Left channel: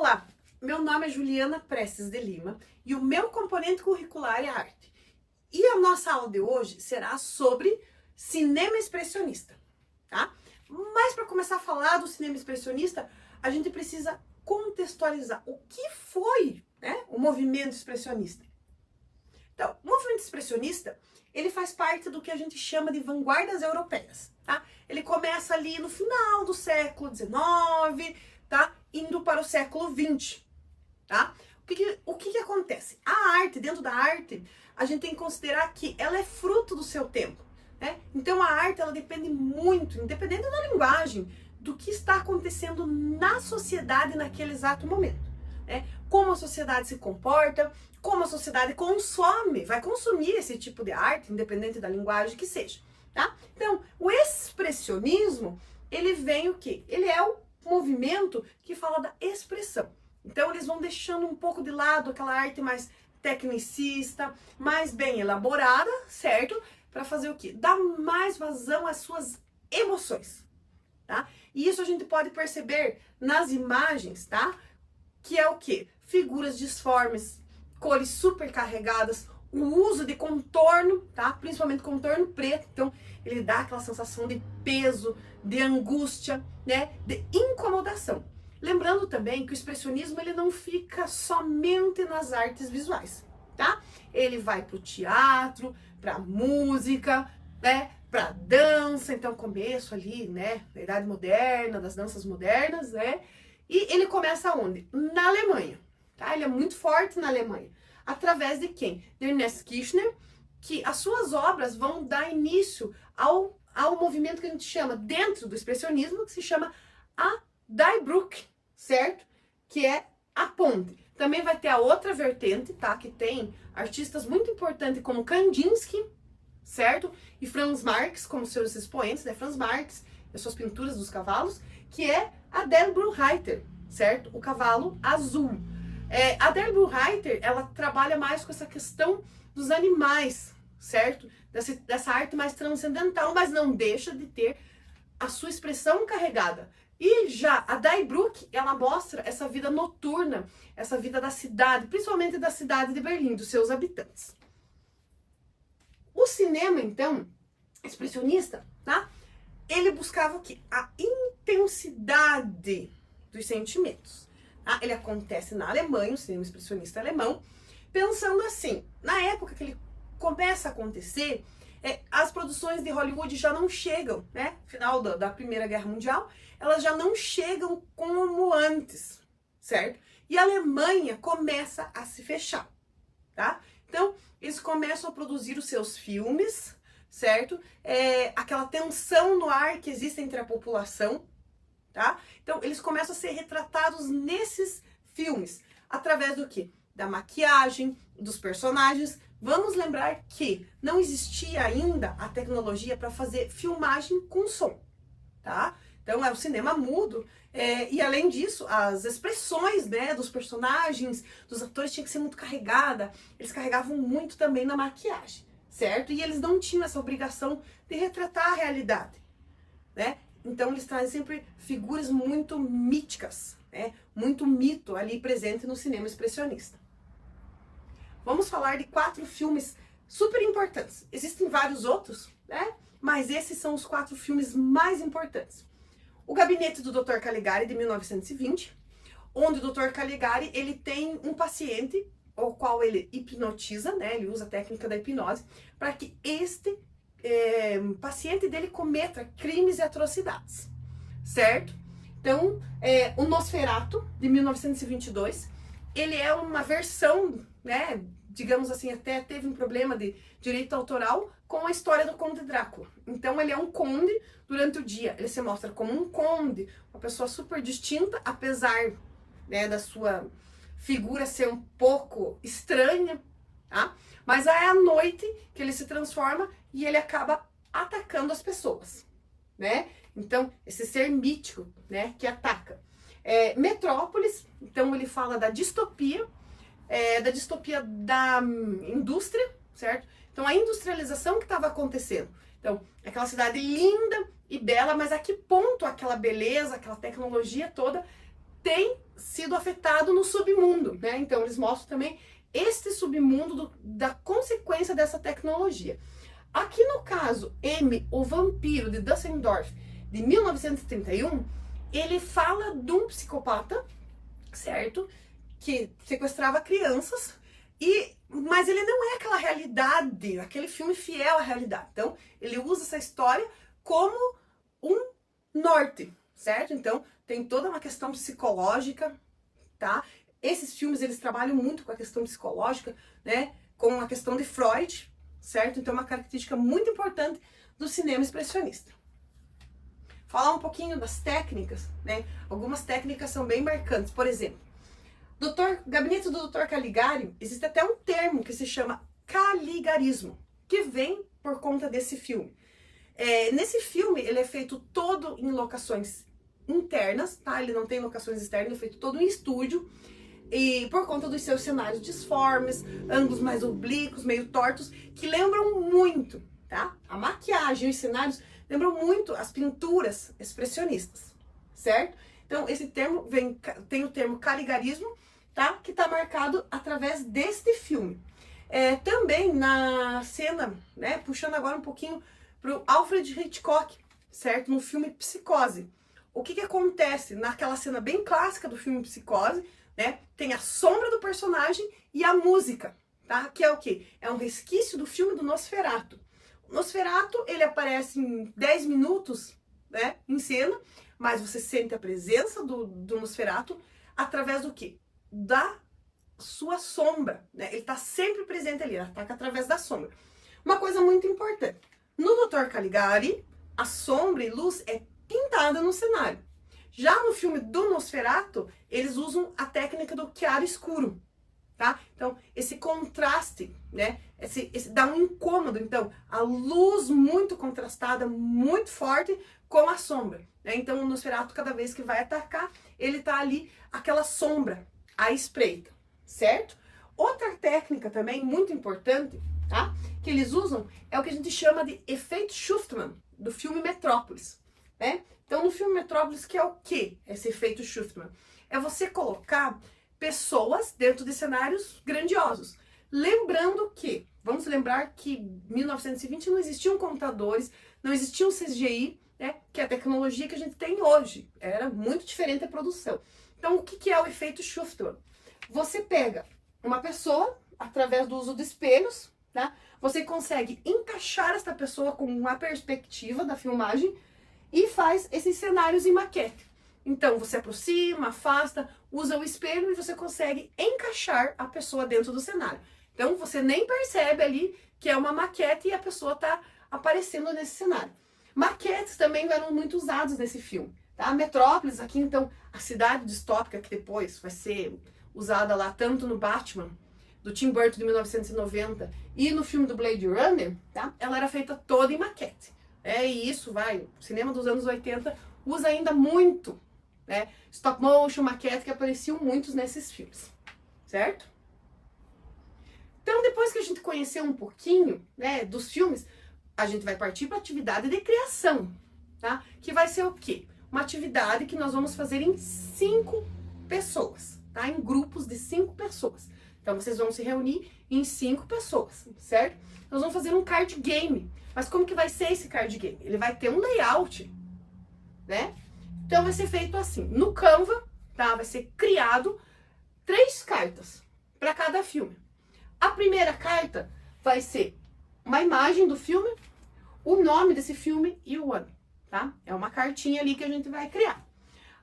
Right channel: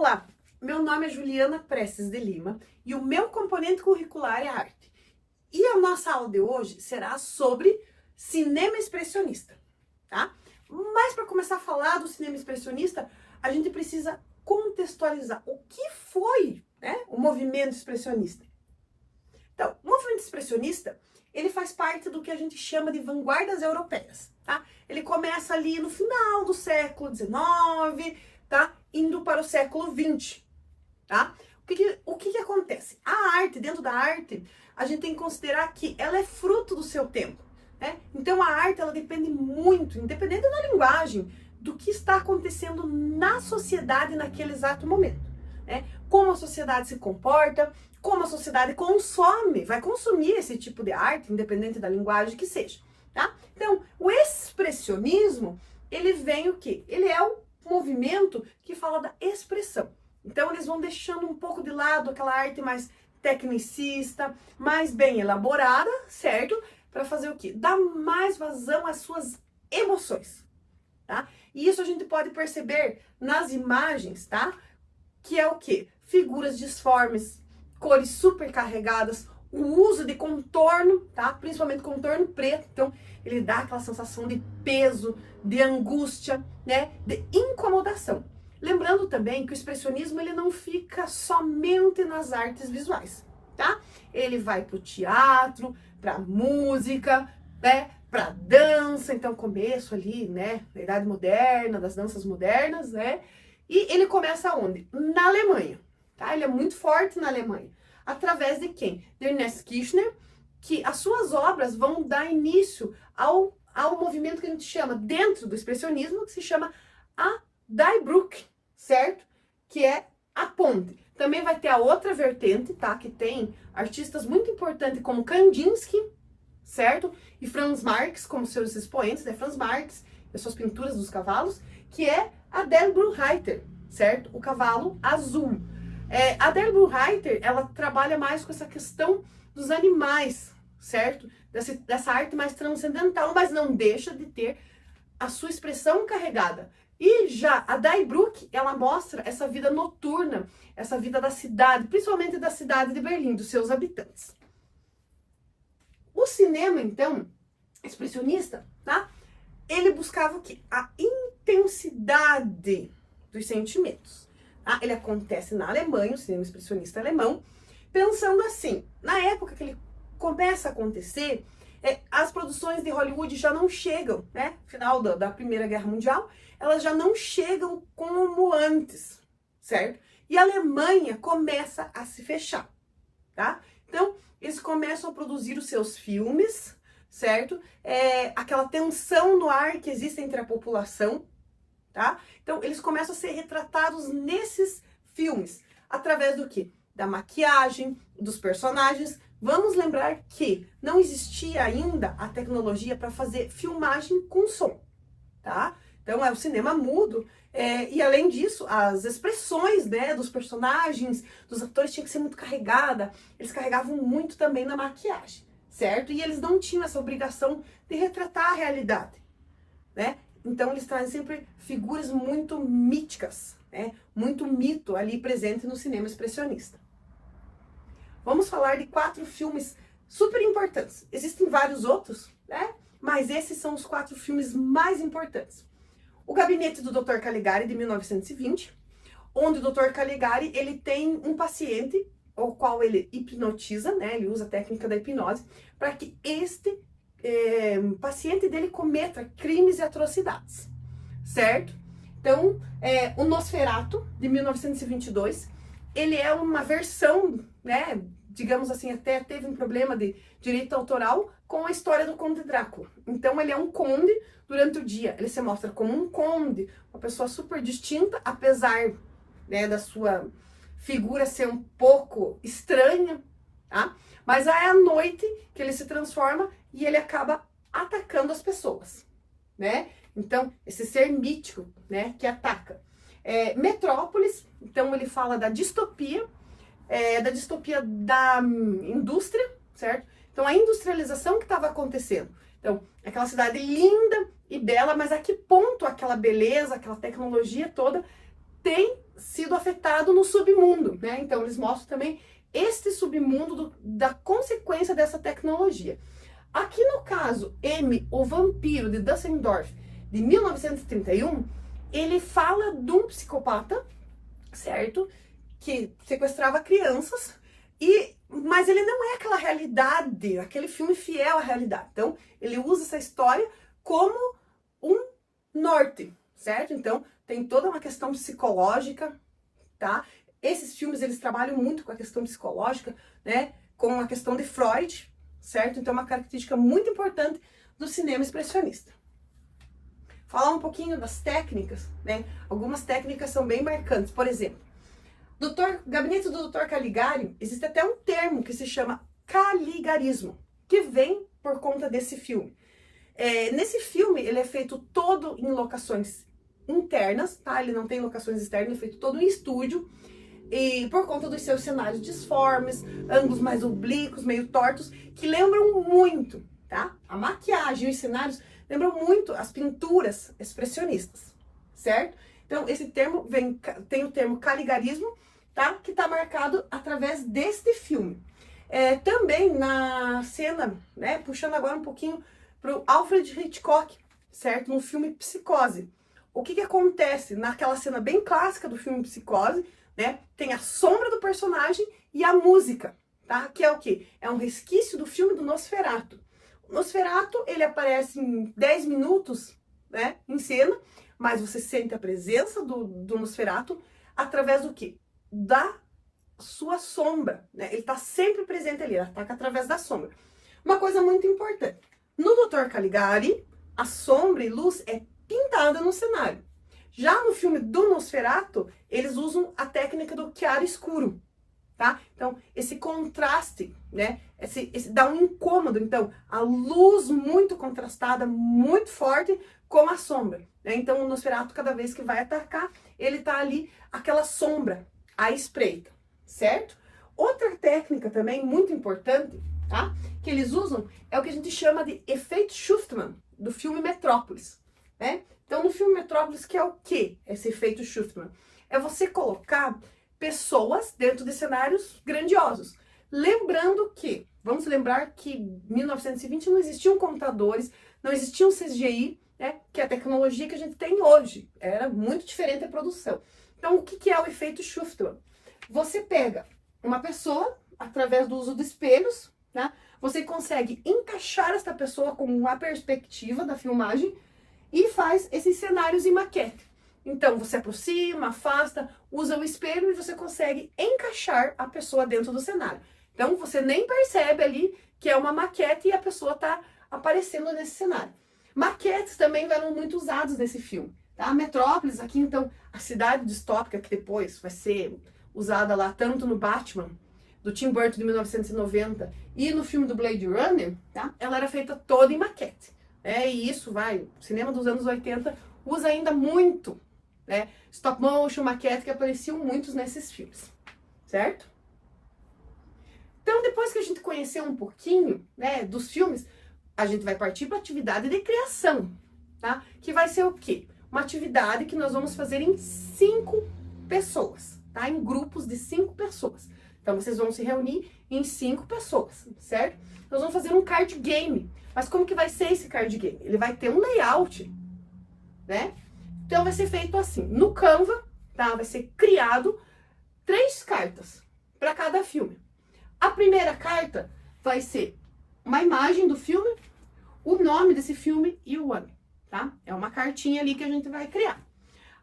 Olá, meu nome é Juliana Prestes de Lima e o meu componente curricular é arte. E a nossa aula de hoje será sobre cinema expressionista, tá? Mas para começar a falar do cinema expressionista, a gente precisa contextualizar o que foi, né, o movimento expressionista. Então, o movimento expressionista, ele faz parte do que a gente chama de vanguardas europeias, tá? Ele começa ali no final do século XIX, tá? Indo para o século XX, tá? O que acontece? A arte, dentro da arte, a gente tem que considerar que ela é fruto do seu tempo, né? Então a arte, ela depende muito, independente da linguagem, do que está acontecendo na sociedade naquele exato momento, né? Como a sociedade se comporta, como a sociedade consome, vai consumir esse tipo de arte, independente da linguagem que seja, tá? Então, o expressionismo, ele vem o quê? Ele é o movimento que fala da expressão. Então, eles vão deixando um pouco de lado aquela arte mais tecnicista, mais bem elaborada, certo? Para fazer o quê? Dar mais vazão às suas emoções, tá? E isso a gente pode perceber nas imagens, tá? Que é o quê? Figuras disformes, cores super carregadas, o uso de contorno, tá? Principalmente contorno preto, então ele dá aquela sensação de peso, de angústia, né? De incomodação. Lembrando também que o expressionismo ele não fica somente nas artes visuais, tá? Ele vai para o teatro, para música, né? Para dança, então começo ali, né? Da Idade Moderna, das danças modernas, né? E ele começa onde? Na Alemanha, tá? Ele é muito forte na Alemanha. Através de quem? De Ernest Kirchner, que as suas obras vão dar início ao movimento que a gente chama, dentro do expressionismo, que se chama a Die Brücke, certo? Que é a ponte. Também vai ter a outra vertente, tá? Que tem artistas muito importantes como Kandinsky, certo? E Franz Marx como seus expoentes, né? Franz Marx e as suas pinturas dos cavalos, que é a Der Brunreiter, certo? O cavalo azul. A Der Brunreiter, ela trabalha mais com essa questão dos animais, certo? Dessa arte mais transcendental, mas não deixa de ter a sua expressão carregada. E já a Die Brücke, ela mostra essa vida noturna, essa vida da cidade, principalmente da cidade de Berlim, dos seus habitantes. O cinema, então, expressionista, tá? Ele buscava o quê? A intensidade dos sentimentos. Tá? Ele acontece na Alemanha, o cinema expressionista alemão, pensando assim, na época que ele começa a acontecer, as produções de Hollywood já não chegam, né? Final da Primeira Guerra Mundial, elas já não chegam como antes, certo? E a Alemanha começa a se fechar, tá? Então, eles começam a produzir os seus filmes, certo? Aquela tensão no ar que existe entre a população, tá? Então, eles começam a ser retratados nesses filmes, através do quê? Da maquiagem, dos personagens. Vamos lembrar que não existia ainda a tecnologia para fazer filmagem com som, tá? Então, é o cinema mudo, e além disso, as expressões, né, dos personagens, dos atores tinha que ser muito carregada, eles carregavam muito também na maquiagem, certo? E eles não tinham essa obrigação de retratar a realidade, né? Então, eles trazem sempre figuras muito míticas, né? Muito mito ali presente no cinema expressionista. Vamos falar de 4 filmes super importantes. Existem vários outros, né? Mas esses são os 4 filmes mais importantes. O Gabinete do Dr. Caligari, de 1920, onde o Dr. Caligari, ele tem um paciente, o qual ele hipnotiza, né? Ele usa a técnica da hipnose, para que este paciente dele cometa crimes e atrocidades, certo? Então, o Nosferatu, de 1922, ele é uma versão, né, digamos assim, até teve um problema de direito autoral com a história do Conde Drácula. Então, ele é um conde durante o dia. Ele se mostra como um conde, uma pessoa super distinta, apesar, né, da sua figura ser um pouco estranha, tá? Mas é à noite que ele se transforma e ele acaba atacando as pessoas, né? Então, esse ser mítico, né, que ataca. Metrópolis, então ele fala da distopia da indústria, certo? Então, a industrialização que estava acontecendo. Então, aquela cidade linda e bela, mas a que ponto aquela beleza, aquela tecnologia toda tem sido afetado no submundo, né? Então eles mostram também este submundo da consequência dessa tecnologia. Aqui no caso, M, o Vampiro, de Düsseldorf, de 1931, ele fala de um psicopata, certo? Que sequestrava crianças, mas ele não é aquela realidade, aquele filme fiel à realidade. Então, ele usa essa história como um norte, certo? Então, tem toda uma questão psicológica, tá? Esses filmes, eles trabalham muito com a questão psicológica, né? Com a questão de Freud, certo? Então, é uma característica muito importante do cinema expressionista. Falar um pouquinho das técnicas, né? Algumas técnicas são bem marcantes. Por exemplo, Gabinete do Dr. Caligari, existe até um termo que se chama caligarismo, que vem por conta desse filme. Nesse filme, ele é feito todo em locações internas, tá? Ele não tem locações externas, ele é feito todo em estúdio. E por conta dos seus cenários disformes, ângulos mais oblíquos, meio tortos, que lembram muito, tá? A maquiagem e os cenários lembram muito as pinturas expressionistas, certo? Então, esse termo tem o termo caligarismo, tá? Que tá marcado através deste filme. Também na cena, né? Puxando agora um pouquinho pro Alfred Hitchcock, certo? No filme Psicose. O que acontece naquela cena bem clássica do filme Psicose, né? Tem a sombra do personagem e a música, tá? Que é o quê? É um resquício do filme do Nosferatu. O Nosferatu, ele aparece em 10 minutos, né? Em cena, mas você sente a presença do Nosferatu através do quê? Da sua sombra, né? Ele tá sempre presente ali, ele ataca através da sombra. Uma coisa muito importante. No Dr. Caligari, a sombra e luz é pintada no cenário. Já no filme do Nosferatu, eles usam a técnica do chiaro escuro, tá? Então, esse contraste, né? Esse dá um incômodo. Então, a luz muito contrastada, muito forte, com a sombra, né? Então, o Nosferatu, cada vez que vai atacar, ele tá ali, aquela sombra à espreita, certo? Outra técnica também muito importante, tá? Que eles usam é o que a gente chama de efeito Schuftman, do filme Metrópolis, né? Então, no filme Metrópolis, que é o quê? Esse efeito Schuftman? É você colocar pessoas dentro de cenários grandiosos. Lembrando que, vamos lembrar que em 1920 não existiam computadores, não existia um CGI, né? Que é a tecnologia que a gente tem hoje. Era muito diferente a produção. Então, o que é o efeito Schuftman? Você pega uma pessoa, através do uso de espelhos, né? Você consegue encaixar essa pessoa com uma perspectiva da filmagem e faz esses cenários em maquete. Então, você aproxima, afasta, usa o espelho e você consegue encaixar a pessoa dentro do cenário. Então, você nem percebe ali que é uma maquete e a pessoa está aparecendo nesse cenário. Maquetes também eram muito usados nesse filme, tá? Metrópolis, aqui então, a cidade distópica que depois vai ser usada lá tanto no Batman, do Tim Burton de 1990 e no filme do Blade Runner, tá? Ela era feita toda em maquete. E isso o cinema dos anos 80 usa ainda muito, né? Stop motion, maquete, que apareciam muitos nesses filmes, certo? Então, depois que a gente conheceu um pouquinho, né, dos filmes, a gente vai partir para a atividade de criação, tá? Que vai ser o quê? Uma atividade que nós vamos fazer em 5 pessoas, tá? Em grupos de 5 pessoas. Então, vocês vão se reunir em 5 pessoas, certo? Nós vamos fazer um card game. Mas como que vai ser esse card game? Ele vai ter um layout, né? Então, vai ser feito assim. No Canva, tá? Vai ser criado 3 cartas para cada filme. A primeira carta vai ser uma imagem do filme, o nome desse filme e o ano, tá? É uma cartinha ali que a gente vai criar.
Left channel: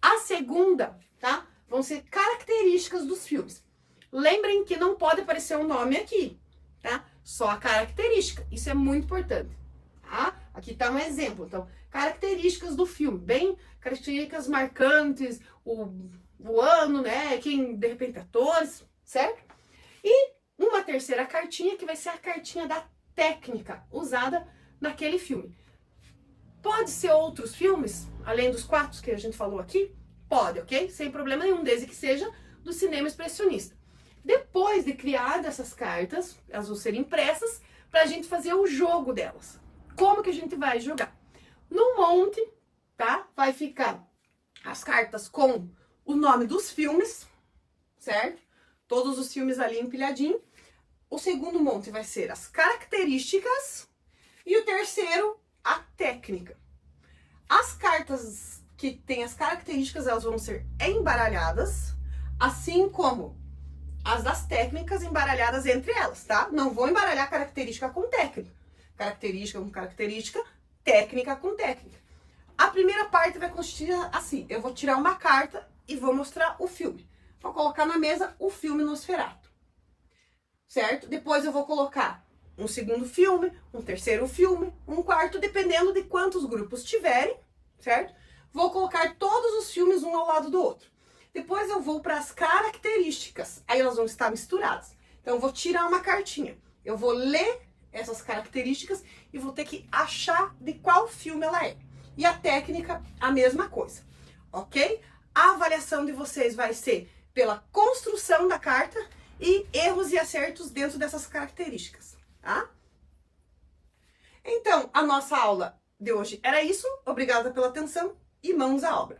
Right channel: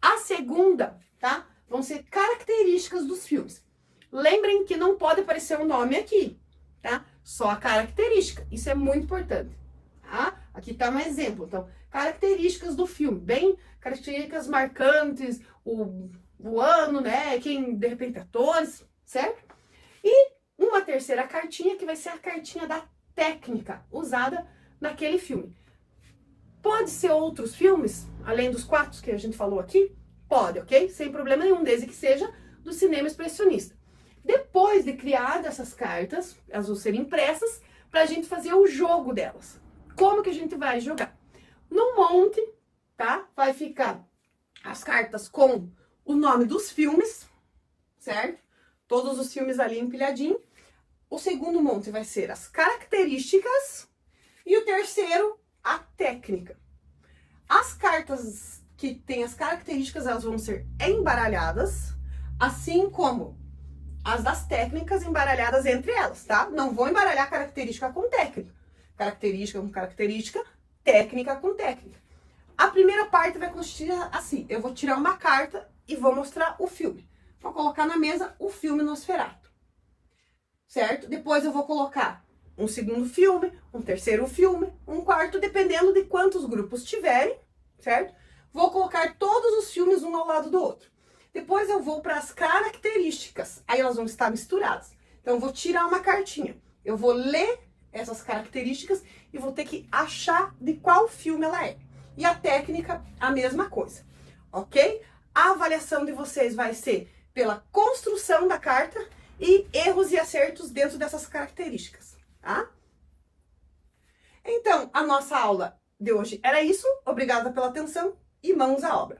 A segunda, tá? Vão ser características dos filmes. Lembrem que não pode aparecer um nome aqui, tá? Só a característica. Isso é muito importante, tá? Aqui tá um exemplo. Então, características do filme. Bem, características marcantes, o ano, né? Quem, de repente, atores, certo? E uma terceira cartinha, que vai ser a cartinha da técnica usada naquele filme. Pode ser outros filmes, além dos 4 que a gente falou aqui? Pode, ok? Sem problema nenhum, desde que seja do cinema expressionista. Depois de criar essas cartas, elas vão ser impressas para a gente fazer o jogo delas. Como que a gente vai jogar? No monte, tá? Vai ficar as cartas com o nome dos filmes, certo? Todos os filmes ali empilhadinho. O segundo monte vai ser as características e o terceiro, a técnica. As cartas que têm as características, elas vão ser embaralhadas, assim como as das técnicas embaralhadas entre elas, tá? Não vou embaralhar característica com técnica. Característica com característica, técnica com técnica. A primeira parte vai consistir assim, eu vou tirar uma carta e vou mostrar o filme. Vou colocar na mesa o filme Nosferatu, certo? Depois eu vou colocar um segundo filme, um terceiro filme, um quarto, dependendo de quantos grupos tiverem, certo? Vou colocar todos os filmes um ao lado do outro. Depois eu vou para as características, aí elas vão estar misturadas. Então eu vou tirar uma cartinha, eu vou ler essas características e vou ter que achar de qual filme ela é. E a técnica, a mesma coisa, ok? A avaliação de vocês vai ser pela construção da carta e erros e acertos dentro dessas características, tá? Então, a nossa aula de hoje era isso. Obrigada pela atenção e mãos à obra.